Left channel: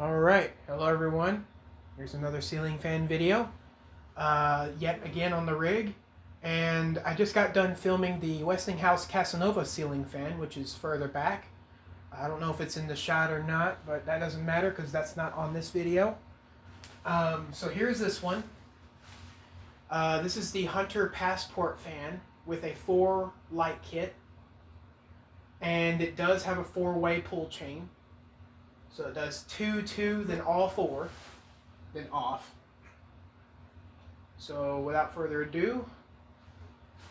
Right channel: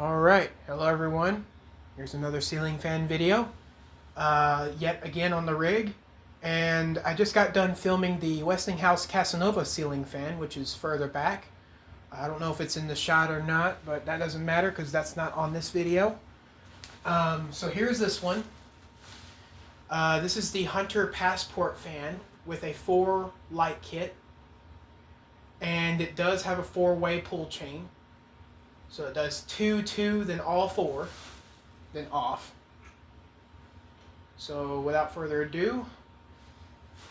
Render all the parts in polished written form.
Alright, hello everyone. Here's another ceiling fan video. Yet again on the rig. And I just got done filming the Westinghouse Casanova ceiling fan, which is further back. I don't know if it's in the shot or not, but that doesn't matter because that's not on this video. So here's this one. This is the Hunter Passport fan with a 4 light kit. And it does have a 4-way pull chain. So it does 2, 2, then all 4, then off. So without further ado,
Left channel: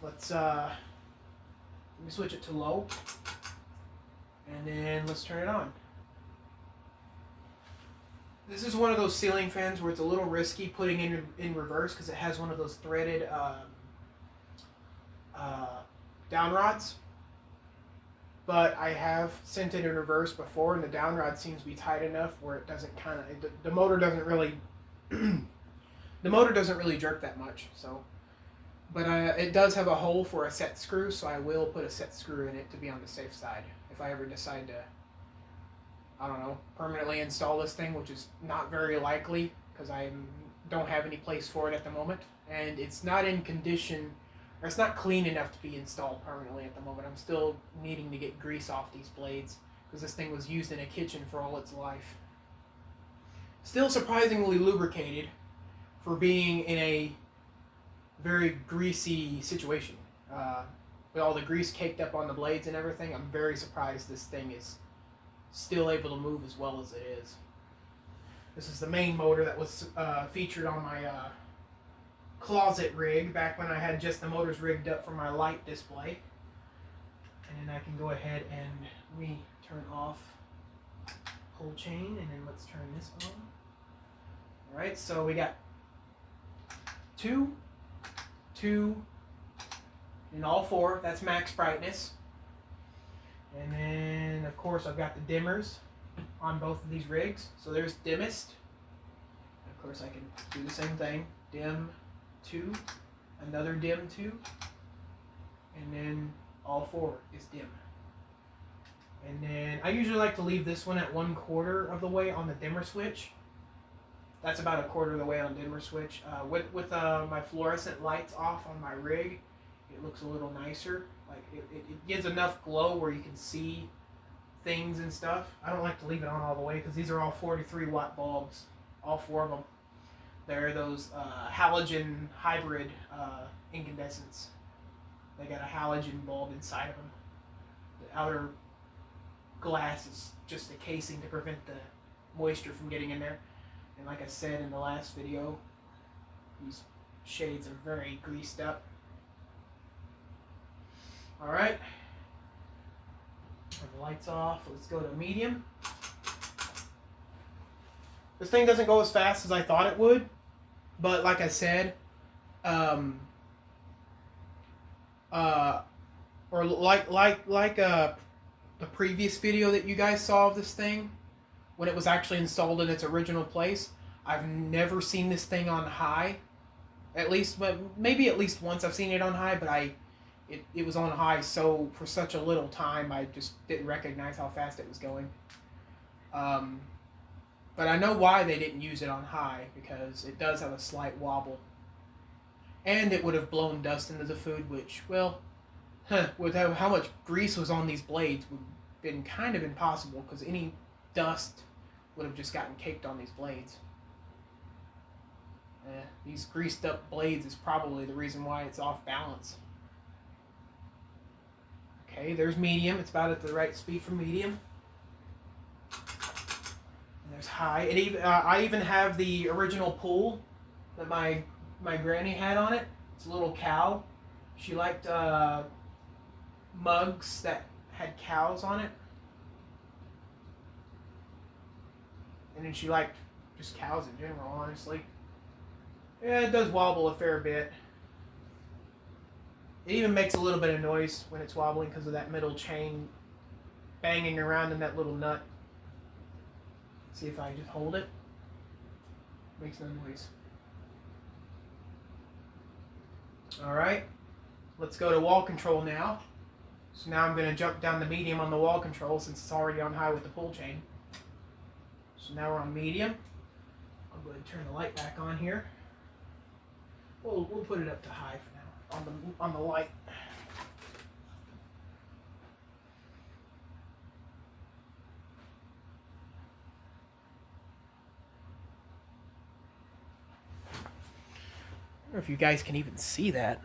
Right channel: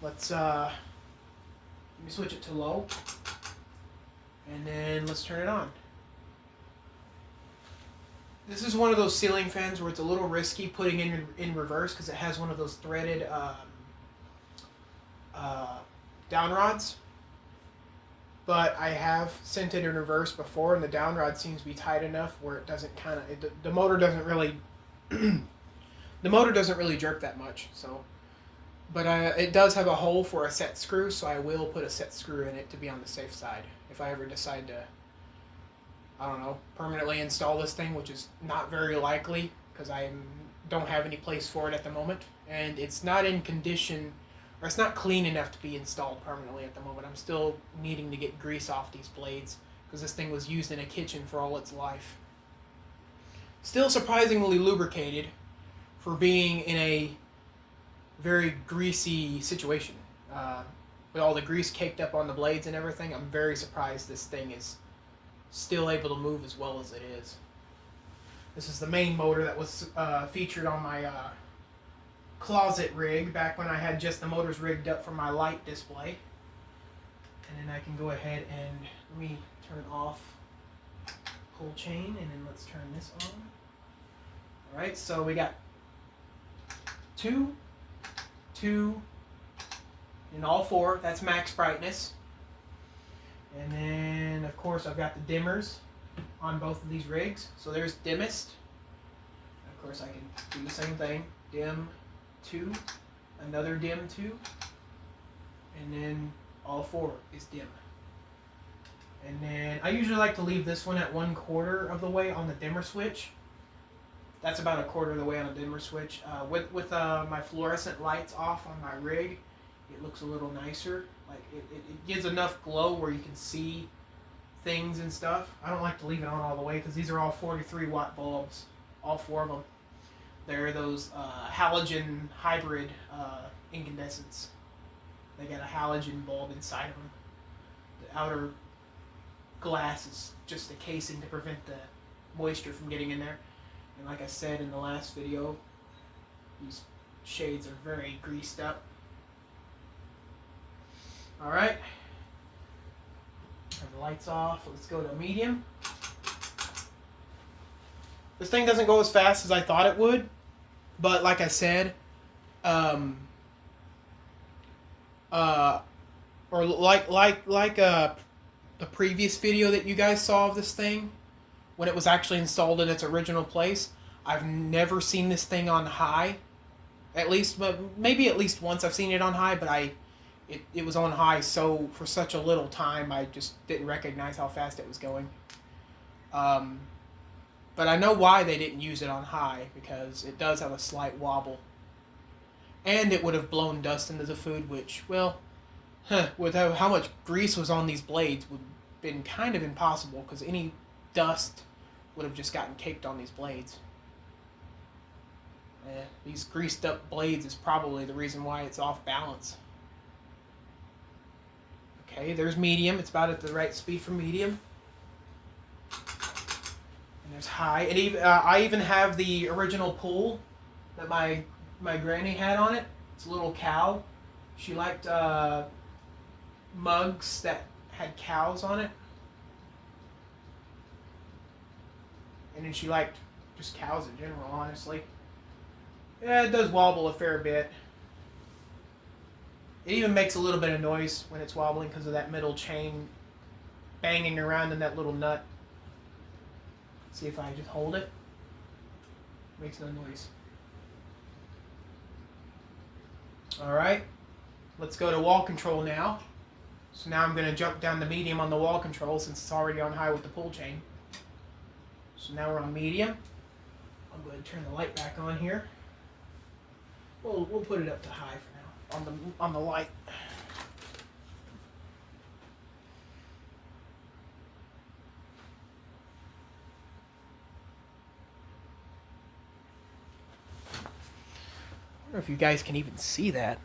let me switch it to low, and then let's turn it on. This is one of those ceiling fans where it's a little risky putting in reverse because it has one of those threaded down rods. But I have sent it in reverse before, and the down rod seems to be tight enough where it doesn't the motor doesn't really the motor doesn't really jerk that much. So, but it does have a hole for a set screw, so I will put a set screw in it to be on the safe side if I ever decide to, I don't know, permanently install this thing, which is not very likely because I don't have any place for it at the moment, and it's not in condition. Or it's not clean enough to be installed permanently at the moment. I'm still needing to get grease off these blades because this thing was used in a kitchen for all its life. Still surprisingly lubricated for being in a very greasy situation. With all the grease caked up on the blades and everything, I'm very surprised this thing is still able to move as well as it is. This is the main motor that was featured on my closet rig back when I had just the motors rigged up for my light display. And then I can go ahead and turn off pull chain, and then let's turn this on. Alright, so we got 2, 2, and all 4. That's max brightness. And then of course I've got the dimmers on both of these rigs. So there's dimmest. Of course I can do the same thing. Dim 2, another dim 2, and then all 4 is dim. And then I usually like to leave this one at 1/4 of the way on the dimmer switch. That's about 1/4 of the way on the dimmer switch. With my fluorescent lights off on my rig, it looks a little nicer. Like it gives enough glow where you can see things and stuff. I don't like to leave it on all the way because these are all 43 watt bulbs, all 4 of them. They're those halogen hybrid incandescents. They got a halogen bulb inside of them. The outer glass is just a casing to prevent the moisture from getting in there. And like I said in the last video, these shades are very greased up. Alright. Turn the lights off. Let's go to medium. This thing doesn't go as fast as I thought it would, but like I said, or like the previous video that you guys saw of this thing, when it was actually installed in its original place, I've never seen this thing on high. At least, but maybe at least once I've seen it on high, but it was on high so for such a little time I just didn't recognize how fast it was going. But I know why they didn't use it on high, because it does have a slight wobble. And it would have blown dust into the food, which, well, with how much grease was on these blades, would have been kind of impossible, because any dust would have just gotten caked on these blades. These greased up blades is probably the reason why it's off balance. Okay, there's medium. It's about at the right speed for medium. There's high. I even have the original pool that my granny had on it. It's a little cow. She liked mugs that had cows on it. And then she liked just cows in general, honestly. Yeah, it does wobble a fair bit. It even makes a little bit of noise when it's wobbling because of that middle chain banging around in that little nut. See if I just hold it. Makes no noise. Alright, let's go to wall control now. So now I'm going to jump down the medium on the wall control since it's already on high with the pull chain. So now we're on medium. I'm going to turn the light back on here. We'll put it up to high for now on the light. I wonder if you guys can even see that.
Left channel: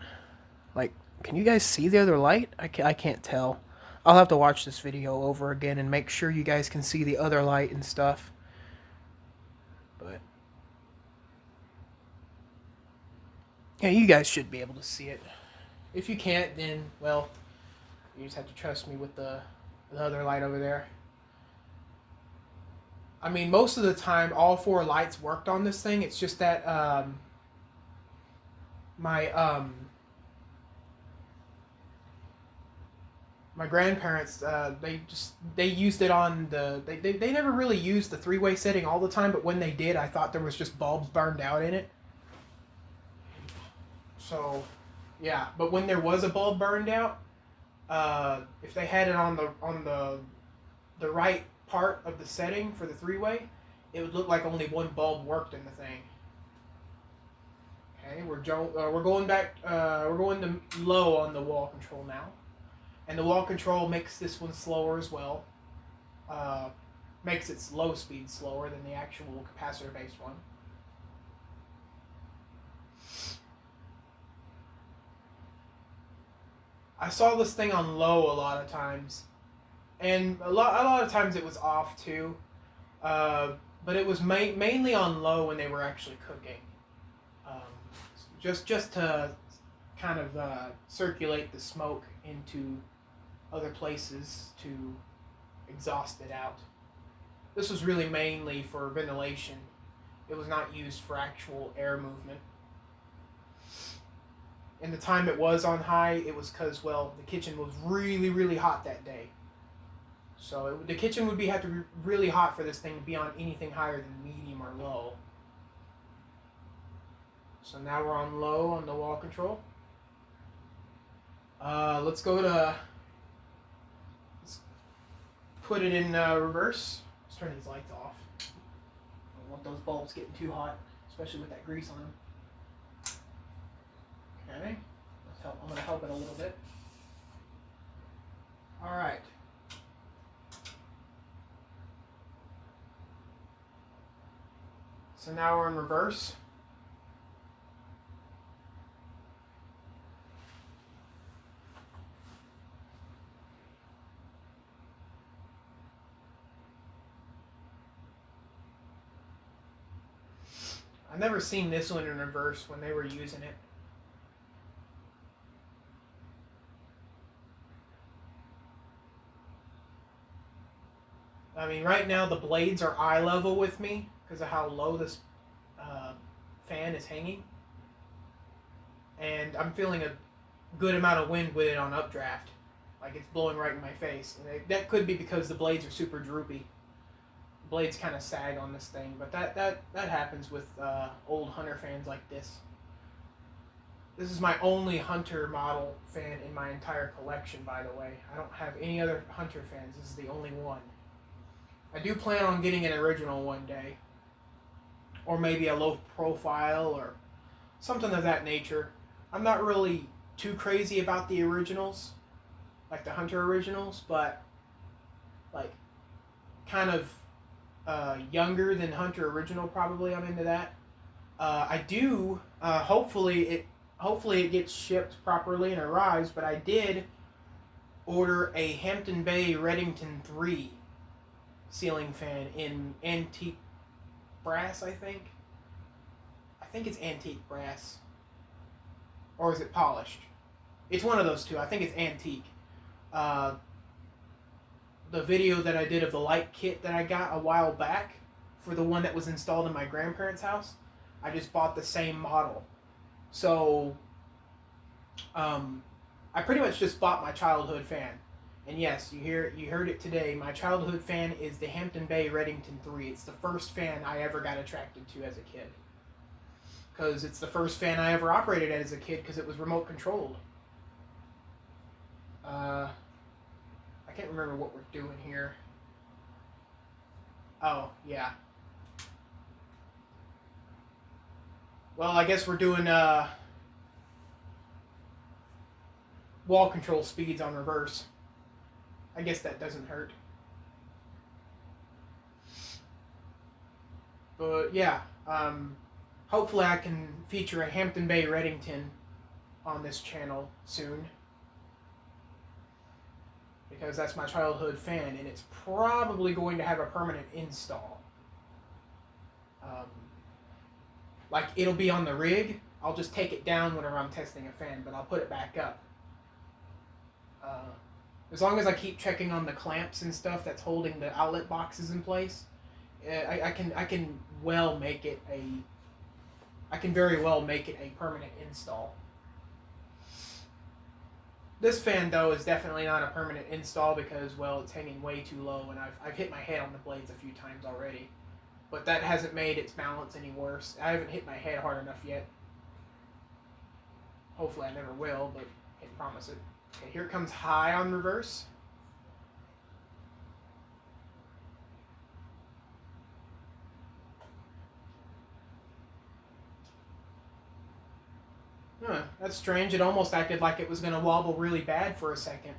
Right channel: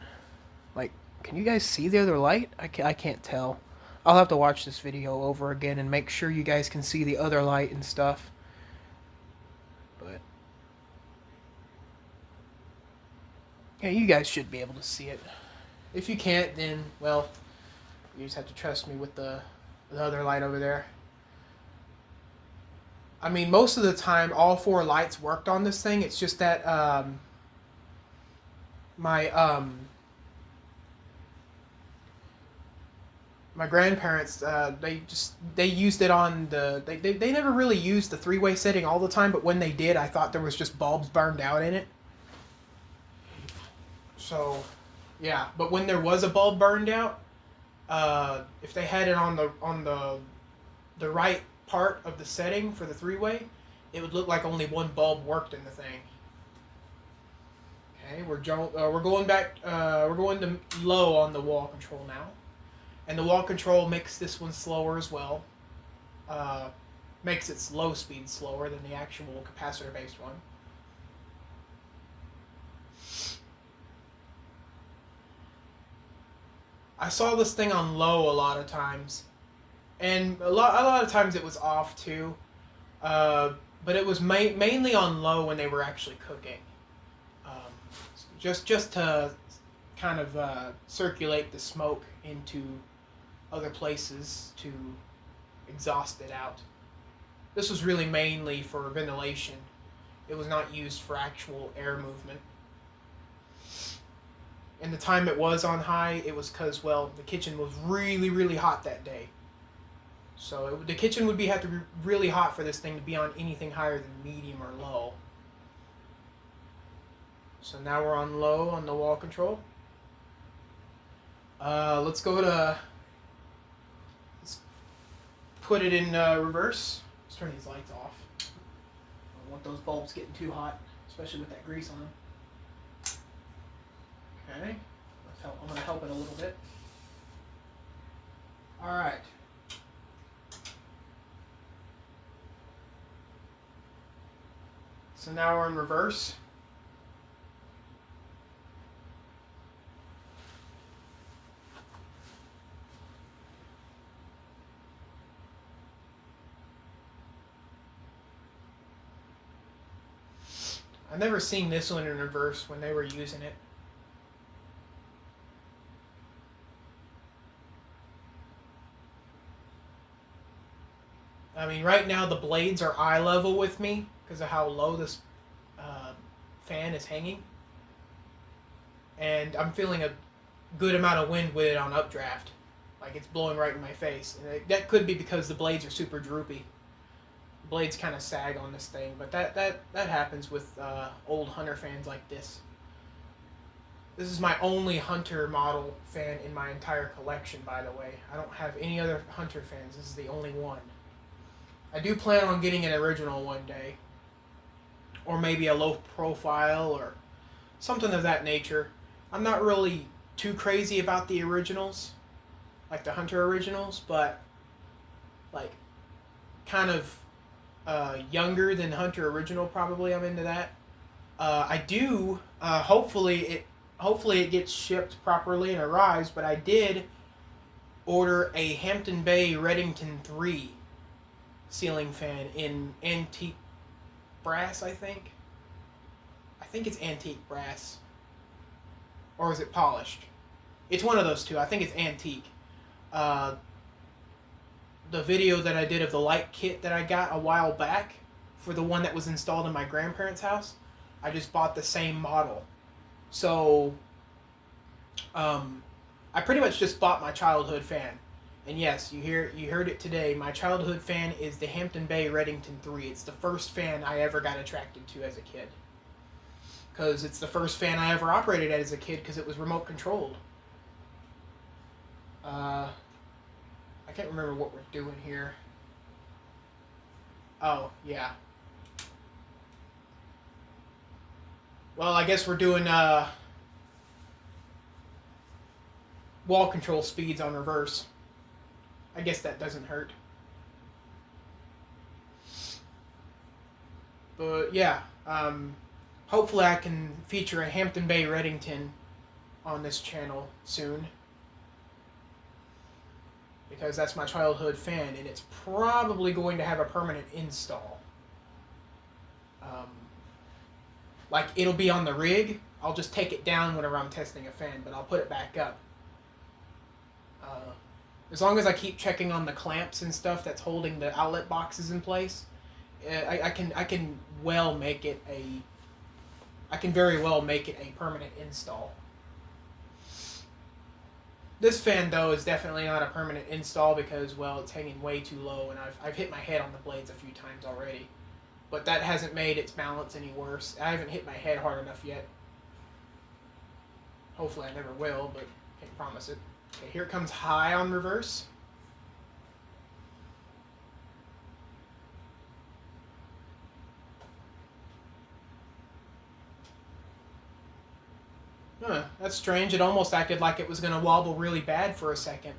Like, can you guys see the other light? I can't tell. I'll have to watch this video over again and make sure you guys can see the other light and stuff. But yeah, you guys should be able to see it. If you can't, then, well, you just have to trust me with the other light over there. I mean, most of the time, all 4 lights worked on this thing. It's just that my grandparents, they used it on the they never really used the 3-way setting all the time, but when they did, I thought there was just bulbs burned out in it. So, yeah, but when there was a bulb burned out, if they had it on the right part of the setting for the 3-way, it would look like only one bulb worked in the thing. Okay, we're going back. We're going to low on the wall control now, and the wall control makes this one slower as well. Makes its low speed slower than the actual capacitor based one. I saw this thing on low a lot of times, and a lot of times it was off too, but it was mainly on low when they were actually cooking, just to kind of circulate the smoke into other places to exhaust it out. This was really mainly for ventilation. It was not used for actual air movement. And the time it was on high, it was because, well, the kitchen was really, really hot that day. So the kitchen would have to be really hot for this thing to be on anything higher than medium or low. So now we're on low on the wall control. Let's put it in reverse. Let's turn these lights off. I don't want those bulbs getting too hot, especially with that grease on them. Okay, I'm going to help it a little bit. All right. So now we're in reverse. I've never seen this one in reverse when they were using it. I mean, right now the blades are eye level with me because of how low this fan is hanging. And I'm feeling a good amount of wind with it on updraft. Like it's blowing right in my face. And that could be because the blades are super droopy. The blades kind of sag on this thing, but that happens with old Hunter fans like this. This is my only Hunter model fan in my entire collection, by the way. I don't have any other Hunter fans. This is the only one. I do plan on getting an original one day. Or maybe a low profile or something of that nature. I'm not really too crazy about the originals, like the Hunter originals, but like kind of younger than Hunter original probably. I'm into that. I do, hopefully it gets shipped properly and arrives, but I did order a Hampton Bay Redington 3 ceiling fan in antique brass, I think. I think it's antique brass. Or is it polished? It's one of those two. I think it's antique. The video that I did of the light kit that I got a while back for the one that was installed in my grandparents' house, I just bought the same model. So, I pretty much just bought my childhood fan. And yes, you heard it today. My childhood fan is the Hampton Bay Redington 3. It's the first fan I ever got attracted to as a kid. Because it's the first fan I ever operated as a kid because it was remote controlled. I can't remember what we're doing here. Oh, yeah. Well, I guess we're doing wall control speeds on reverse. I guess that doesn't hurt. But yeah, hopefully I can feature a Hampton Bay Reddington on this channel soon. Because that's my childhood fan, and it's probably going to have a permanent install. Like, it'll be on the rig. I'll just take it down whenever I'm testing a fan, but I'll put it back up. As long as I keep checking on the clamps and stuff that's holding the outlet boxes in place, I can well make it a. I can very well make it a permanent install. This fan, though, is definitely not a permanent install because, well, it's hanging way too low, and I've hit my head on the blades a few times already. But that hasn't made its balance any worse. I haven't hit my head hard enough yet. Hopefully I never will, but can't promise it. Okay, here comes high on reverse. Huh, that's strange. It almost acted like it was going to wobble really bad for a second.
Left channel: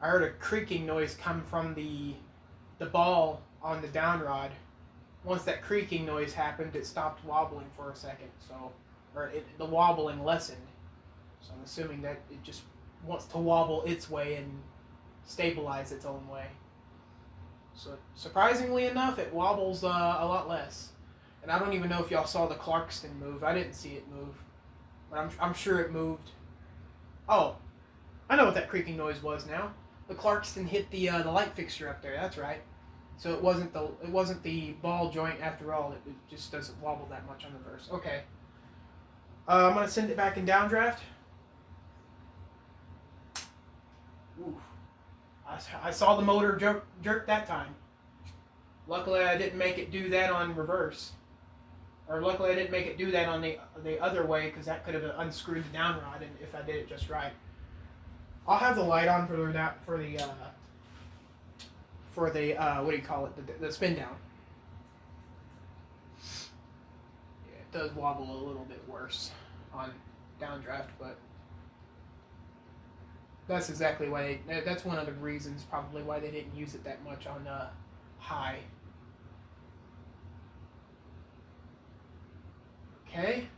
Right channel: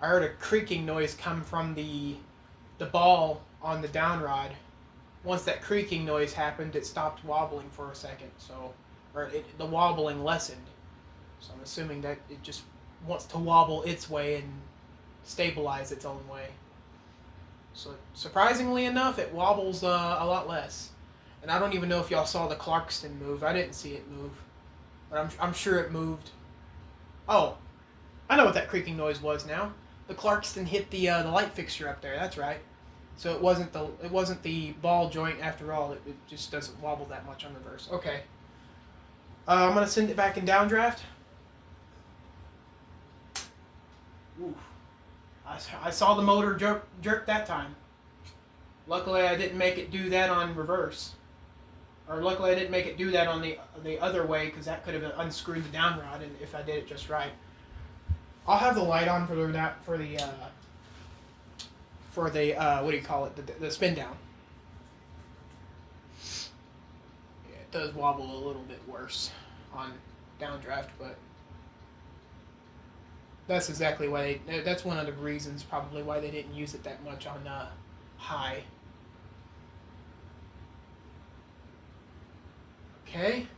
I heard a creaking noise come from the ball on the down rod. Once that creaking noise happened, it stopped wobbling for a second. The wobbling lessened. So I'm assuming that it just wants to wobble its way and stabilize its own way. So surprisingly enough, it wobbles a lot less. And I don't even know if y'all saw the Clarkston move. I didn't see it move, but I'm sure it moved. Oh, I know what that creaking noise was now. The Clarkston hit the light fixture up there. That's right. So it wasn't the ball joint after all. It just doesn't wobble that much on the reverse. Okay. I'm gonna send it back in downdraft. Ooh. I saw the motor jerk that time. Luckily, I didn't make it do that on reverse. Or luckily, I didn't make it do that on the other way, because that could have unscrewed the down rod, and if I did it just right. I'll have the light on for the what do you call it? The spin down. Yeah, it does wobble a little bit worse on downdraft, but that's exactly why that's one of the reasons probably why they didn't use it that much on high. Okay,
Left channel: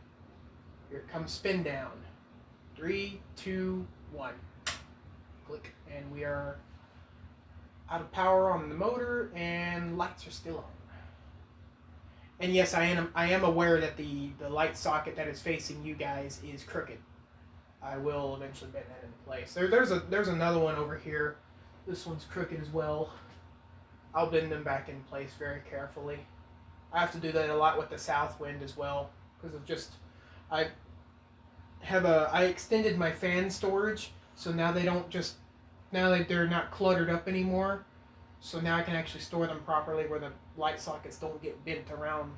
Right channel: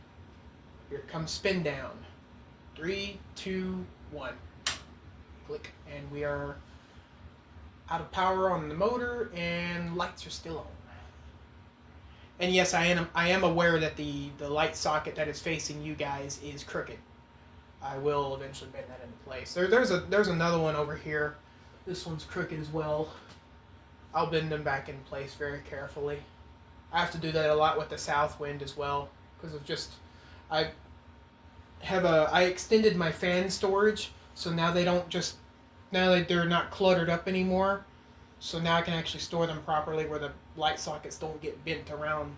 here it comes spin down. 3, 2, 1. Click, and we are out of power on the motor, and lights are still on. And yes, I am aware that the light socket that is facing you guys is crooked. I will eventually bend that into place. There's another one over here. This one's crooked as well. I'll bend them back in place very carefully. I have to do that a lot with the south wind as well, because of just I extended my fan storage, so now they're not cluttered up anymore. So now I can actually store them properly where the light sockets don't get bent around.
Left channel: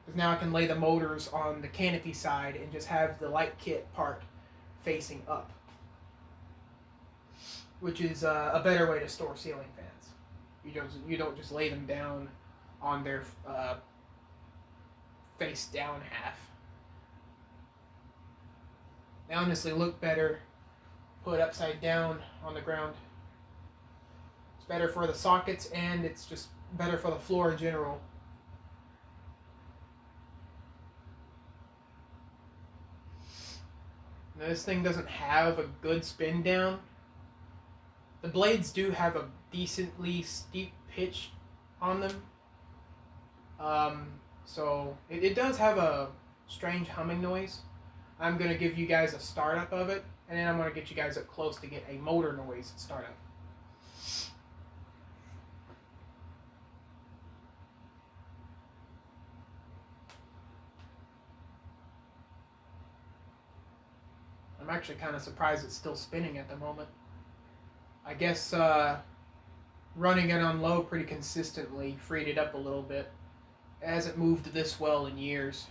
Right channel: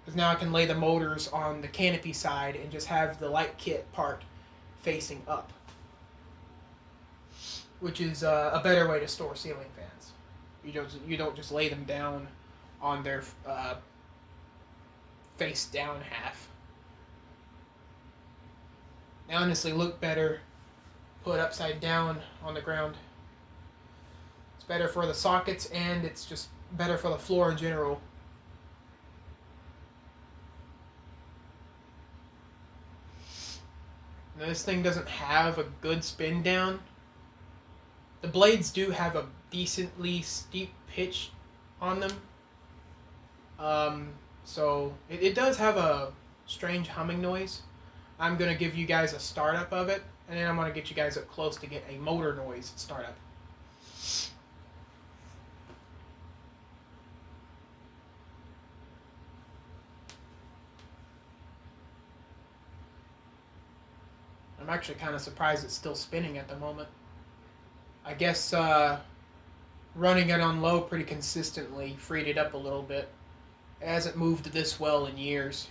Because now I can lay the motors on the canopy side and just have the light kit part facing up, which is a better way to store ceiling fans. You don't just lay them down on their face down half. They honestly look better put upside down on the ground. It's better for the sockets, and it's just better for the floor in general. Now, this thing doesn't have a good spin down. The blades do have a decently steep pitch on them. So it does have a strange humming noise. I'm going to give you guys a startup of it, and then I'm going to get you guys up close to get a motor noise startup. I'm actually kind of surprised it's still spinning at the moment. I guess running it on low pretty consistently freed it up a little bit. It hasn't moved this well in years.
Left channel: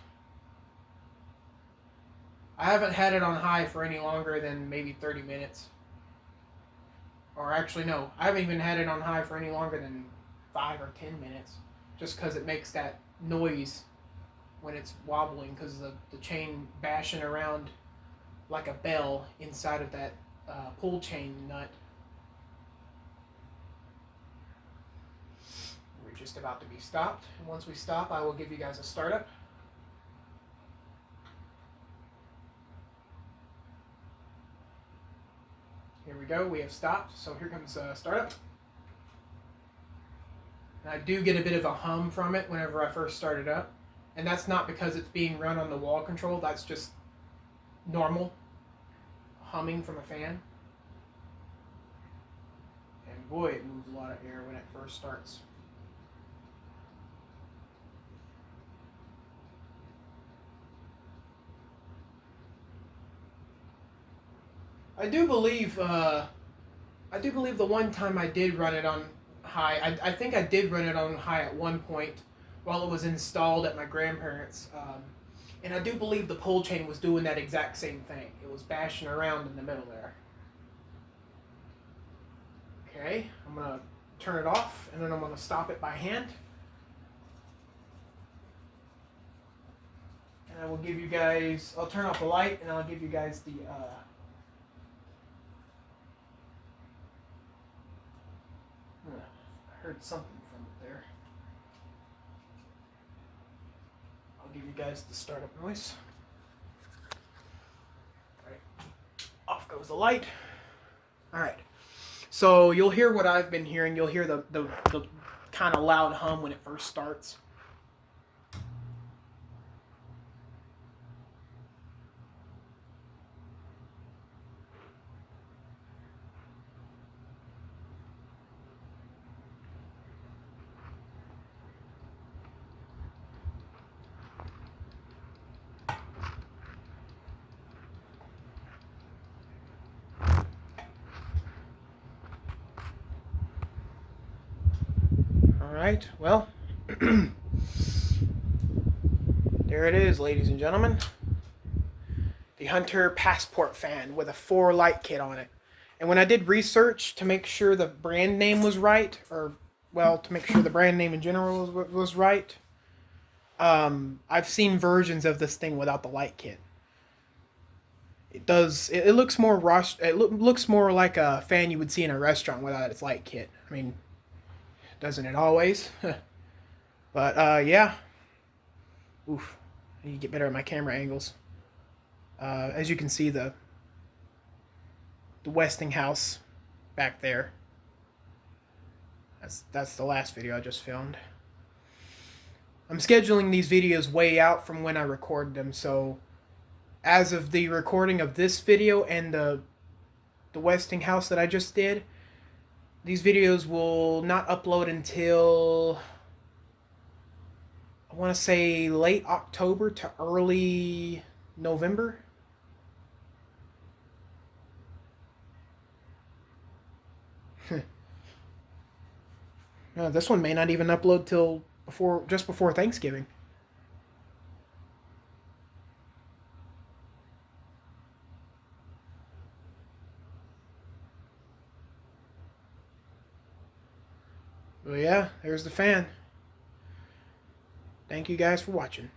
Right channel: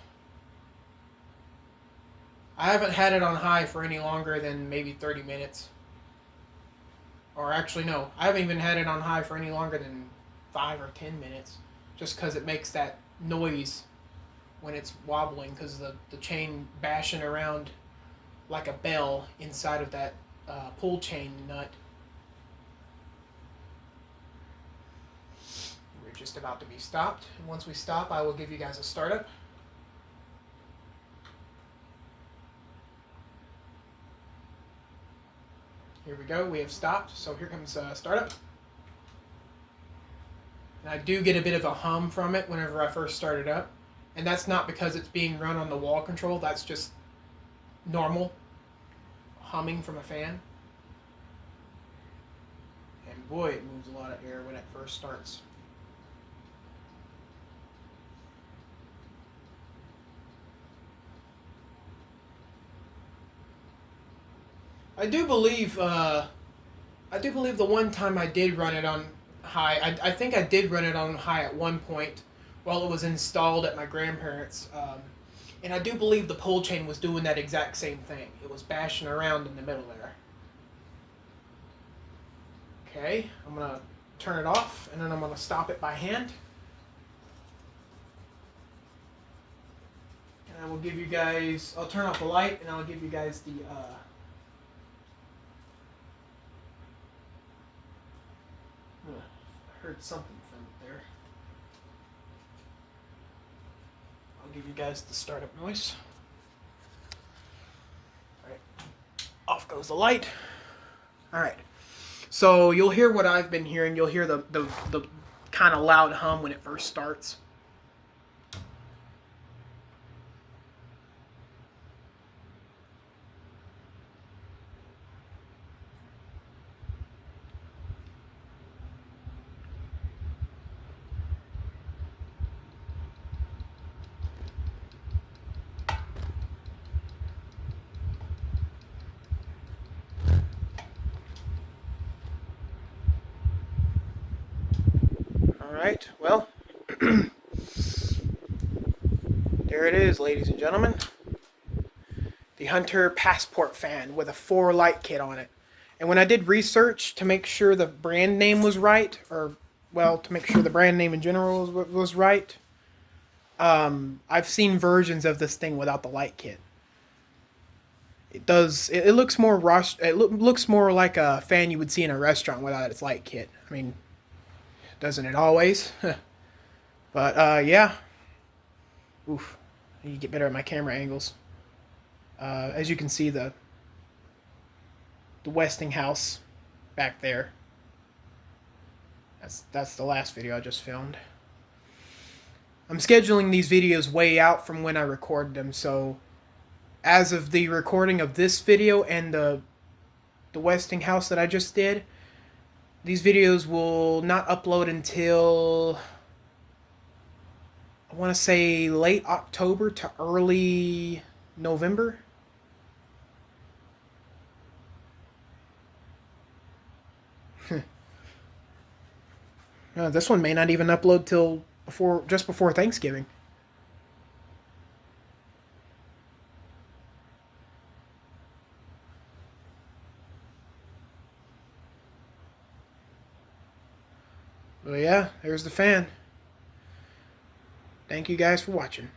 I haven't had it on high for any longer than maybe 30 minutes. Or actually, no. I haven't even had it on high for any longer than 5 or 10 minutes. Just because it makes that noise when it's wobbling because the chain bashing around like a bell inside of that pull chain nut. We're just about to be stopped. And once we stop, I will give you guys a startup. Here we go. We have stopped. So here comes startup. And I do get a bit of a hum from it whenever I first start it up. And that's not because it's being run on the wall control. That's just normal humming from a fan. And boy, it moves a lot of air when it first starts. I do believe the one time I did run it on high, I think I did run it on high at one point while it was installed at my grandparents'. And I do believe the pull chain was doing that exact same thing. It was bashing around in the middle there. Okay, I'm going to turn it off, and then I'm going to stop it by hand. And I will give you guys, I'll turn off the light, and I'll give you guys the... I heard something from it there. I'll give you guys the startup noise. Alright, off goes the light. Alright, so you'll hear what I've been hearing. You'll hear the kind of loud hum when it first starts. Alright, well, there it is, ladies and gentlemen. The Hunter Passport fan with a 4 light kit on it. And when I did research to make sure the brand name was right, or, well, to make sure the brand name in general was right, I've seen versions of this thing without the light kit. It looks more looks more like a fan you would see in a restaurant without its light kit. I mean, doesn't it always? But, yeah. Oof. I need to get better at my camera angles. As you can see, the Westinghouse back there. That's the last video I just filmed. I'm scheduling these videos way out from when I record them, so as of the recording of this video and the Westinghouse that I just did, these videos will not upload until, I want to say, late October to early November. This one may not even upload till just before Thanksgiving. Well, yeah, there's the fan. Thank you guys for watching.